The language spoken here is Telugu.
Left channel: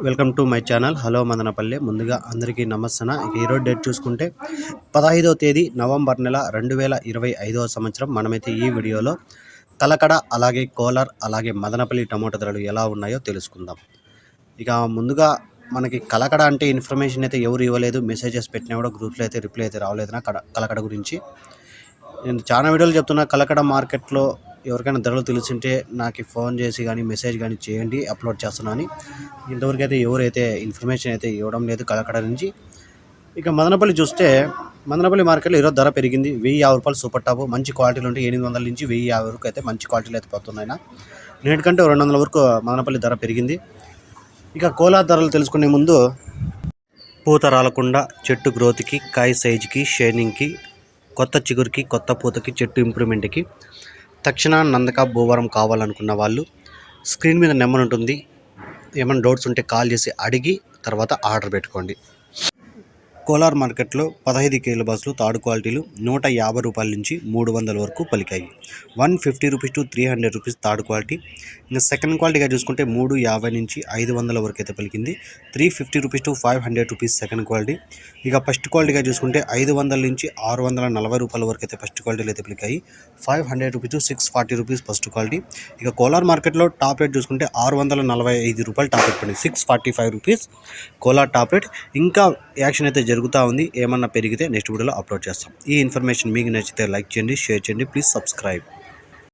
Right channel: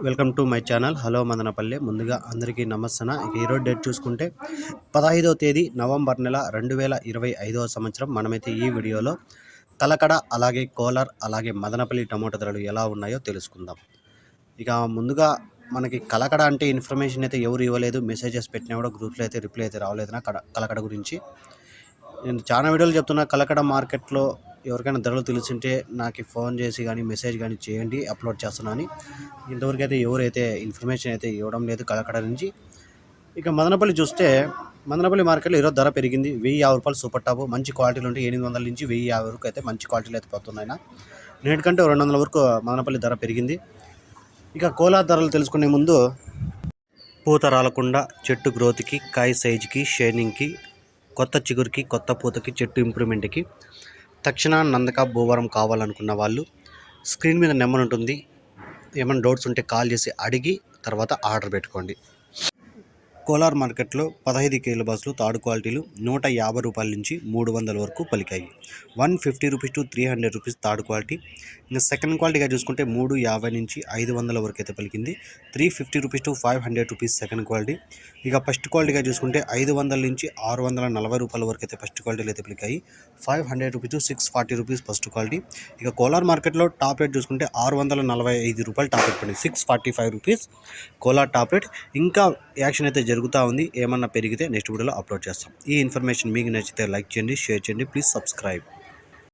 Welcome to my channel. Hello Madanapalle. ముందుగా అందరికీ నమస్తన ఈరోజు డేట్ చూసుకుంటే పదహైదవ తేదీ నవంబర్ నెల రెండు వేల ఇరవై ఐదవ సంవత్సరం. మనమైతే ఈ వీడియోలో కలకడ అలాగే కోలార్ అలాగే మదనపల్లి టమోటా ధరలు ఎలా ఉన్నాయో తెలుసుకుందాం. ఇక ముందుగా మనకి కలకడ అంటే ఇన్ఫర్మేషన్ అయితే ఎవరు ఇవ్వలేదు. మెసేజెస్ పెట్టినా కూడా గ్రూప్లో అయితే రిప్లై అయితే రావలేదు నా కడ కలకడ గురించి. నేను చాలా వీడియోలు చెప్తున్నా. కలకడ మార్కెట్లో ఎవరికైనా ధరలు తెలిసింటే నాకు ఫోన్ చేసి కానీ మెసేజ్ కానీ చేయండి అప్లోడ్ చేస్తున్నాను అని. ఇంతవరకు అయితే ఎవరైతే ఇన్ఫర్మేషన్ అయితే ఇవ్వడం లేదు కలకడ నుంచి. ఇక మదనపల్లి చూస్తే మదనపల్లి మార్కెట్లో ఈరోజు ధర పెరిగింది. వెయ్యి యాభై రూపాయలు సూపర్ టాప్. మంచి క్వాలిటీలు ఉంటే ఎనిమిది వందల నుంచి వెయ్యి యాభై వరకు అయితే మంచి క్వాలిటీలు అయితే పోతున్నాయి నేటికంటే రెండు వందల వరకు మదనపల్లి ధర పెరిగింది. ఇక కోలా ధరలు తెలుసుకునే ముందు పూత రాలకుండా చెట్టు గ్రోత్కి కాయ సైజుకి షైనింగ్కి కొత్త చిగురికి కొత్త పూతకి చెట్టు ఇంప్రూవ్మెంట్కి తక్షణ నందక భూవరం కావాలనుకున్న వాళ్ళు స్క్రీన్ మీద నెంబర్ ఉంటుంది. ఏమైనా డౌట్స్ ఉంటే కాల్ చేసి అడిగి తర్వాత ఆర్డర్ పెట్టుకోండి. కోలార్ మార్కెట్లో పదహైదు కేల బస్సులు తాడు క్వాలిటీలు నూట యాభై రూపాయల నుంచి మూడు వందల వరకు పలికాయి. One fifty rupees to three hundred rupees third quality. ఇంకా సెకండ్ క్వాలిటీగా చూసుకుంటే మూడు యాభై నుంచి ఐదు వందల వరకు అయితే పలికింది. Three fifty rupees to five hundred rupees second quality. ఇక ఫస్ట్ క్వాలిటీగా చూసుకుంటే ఐదు వందల నుంచి ఆరు వందల నలభై రూపాయల వరకు అయితే ఫస్ట్ క్వాలిటీలు అయితే పలికాయి. Five hundred rupees to six forty rupees first quality. ఇక కోలార్ మార్కెట్లో టాప్ రేట్ చూసుకుంటే ఆరు వందల నలభై ఐదు రూపాయలు టాప్ రేట్ పడింది. Six forty five rupees Kolar top rate. ఇంకా యాక్షన్ అయితే జరుగుతూ ఉంది. ఏమన్నా పెరిగితే నెక్స్ట్ వీడియోలో అప్లోడ్ చేస్తాం. ఈ ఇన్ఫర్మేషన్ మీకు నచ్చితే లైక్ చేయండి షేర్ చేయండి. Please subscribe.